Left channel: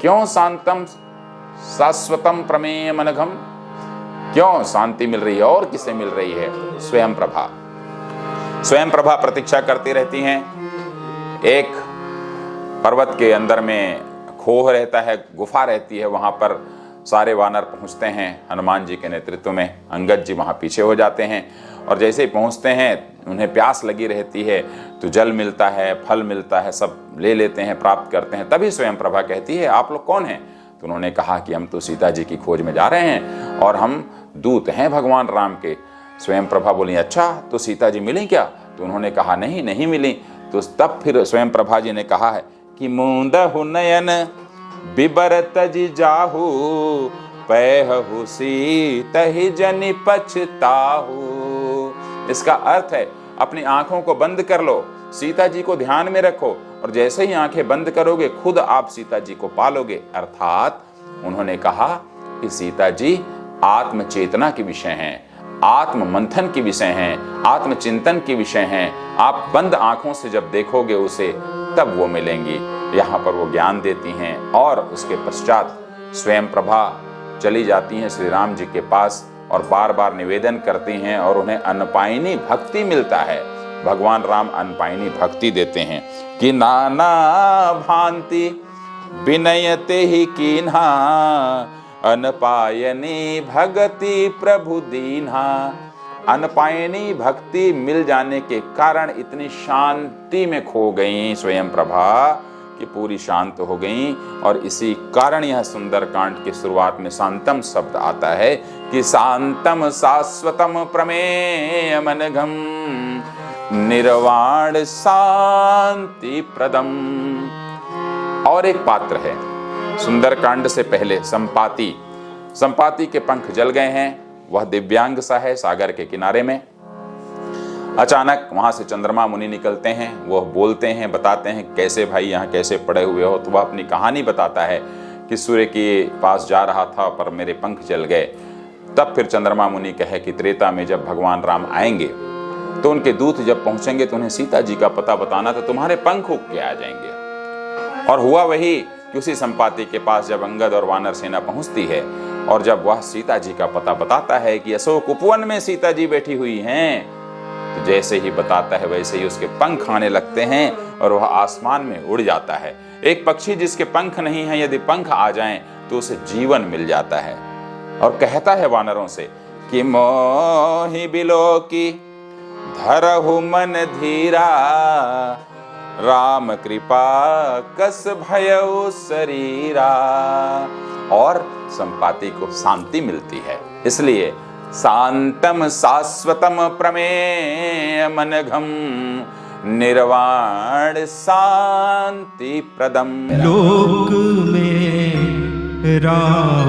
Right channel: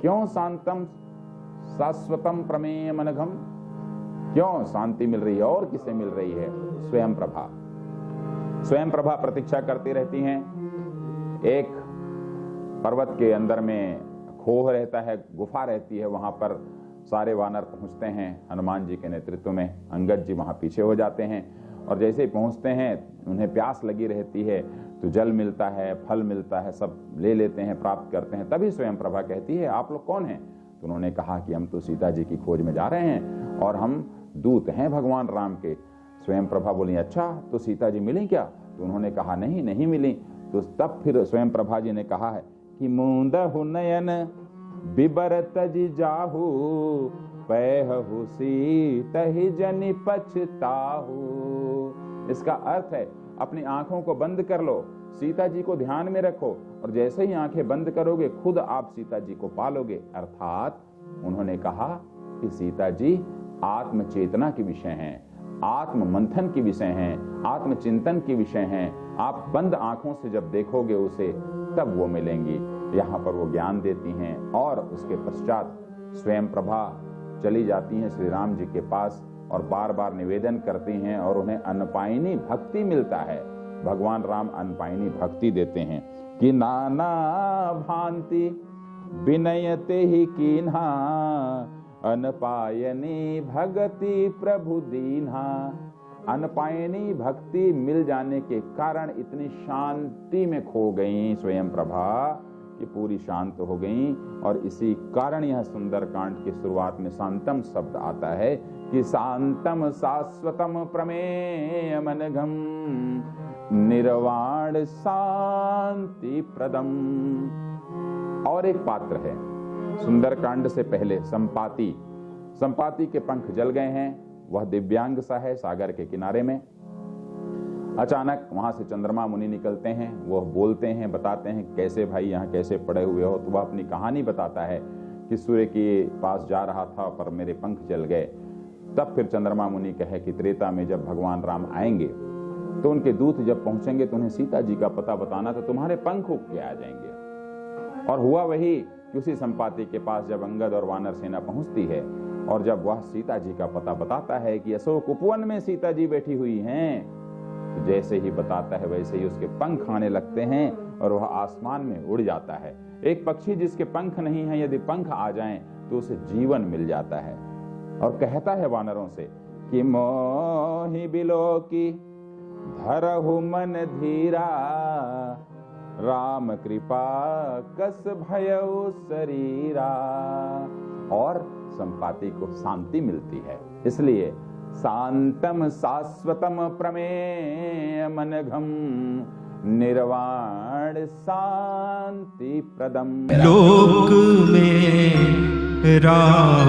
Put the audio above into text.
क्यों शांतम शाश्वतम प्रमेय मनघम, क्यों शांति मिल रही है और किसे मिल रही है? स्वयं प्रभा। स्वयं प्रभा प्रतीक्षा करती रहती हैं। एक पर्वत के अंदर में खोह रहता है, गुफा रहती है, वहां पर सारे वानर पहुंचते हैं हनुमान जी के नेतृत्व में। अंगद जी वहां पीछे हो जाते हैं और जैसे ही पहुंचते हैं उन्हें प्यास लगी रहती है, तो जल मिलता है, फल मिलता है, सब ले लेते हैं, प्राप्त करते हैं। तभी स्वयं प्रभा कहती है, आप लोग कौन हैं? तो उन्होंने कहा कि हम तो सीता जी की खोज में जा रहे हैं और हम दूत हैं भगवान राम के। स्वयं प्रभा बोली, अच्छा तो सीता जी मिली क्या? तो उन्होंने कहा नहीं, नहीं मिली। तो तब फिर स्वयं प्रभा जी ने कहा है कि मूंदहु नयन बिबरत जी जाहू, पैहु सीतहि जनि पछताहू। इसका अर्थ है अपनी आंखों को बंद कर लो, सीता जी को ध्यान में रखो और जैसे ही आंखें बंद करोगे खुद आप सीता जी को पालोगे। अर्थात उन्होंने कहा कि सीता जी आत्म चेतना के विषय हैं, आत्म मंथन के विषय हैं, आत्मचिंतन के विषय हैं। आप बंद आंखों से जब देखोगे उसे तब वो मिलेंगी। यहाँ पर वो ज्ञान देती हैं और उसके पश्चात स्वयं प्रभा चली जाती हैं श्री राम जी के पास और बार बार निवेदन करती हैं और उन्हें अनपायनी भक्ति मिलता है। भगवान राम अनपायनी भक्ति देते हैं कि नाना भांति विनयते ही कीन्हा, अनपायनी भगति प्रभु दीन्हा। अनपायनी भक्ति मिल जाने के कारण इतनी शांति में खो गई स्वयं प्रभा कि पूरी शांत हो गई। और इसी कारण यह सुंदरकांड की शुरुआत में शांतम शब्द आता है कि शांतम शाश्वतम प्रमेय मनघम, निर्वाण शांति प्रदम। और एक पात्र है सुंदरकांड से पहले, संपाति। संपाति के पंख जल गए हैं, वह दिव्यांग सा है सागर के किनारे में। अचानक वहां से चंद्रमा मुनि निकलते हैं, वह बोलते हैं, बताते हैं कैसे भाई यहाँ कैसे पड़े हुए हो। तो वह अपनी कहानी बताता है कि सूर्य के पास जा रहा था पर मेरे पंख जल गए। तब फिर चंद्रमा मुनि कहे कि त्रेता में जब भगवान राम आएंगे तो उनके दूत जब पहुंचेंगे तो उन्हें सीता जी का पता बताना, तो तुम्हारे पंख उग के आ जाएंगे। और हुआ वही कि उसी संपाति के पास जब अंगद और वानर सेना पहुंचती है और जब वह सीता जी का पता बताता है कि अशोक उपवन में सीता जी बैठी हुई हैं, तो जैसे ही बताता है वैसे ही उसके पंख आने लगते हैं और वह आसमान में उड़ जाता है। एक पक्षी जिसके पंख नहीं है, यदि पंख आ जाएं तो उसे जीवन मिल जाता है। और कहता है वानरों से कि मोहि बिलो की धरहु मन धीरा, राम कृपा कस भयउ शरीरा। और संपाति को शांति मिलती है। इसलिए शांतम शाश्वतम प्रमेय मनघम, निर्वाण शांति प्रदम। लोक में राम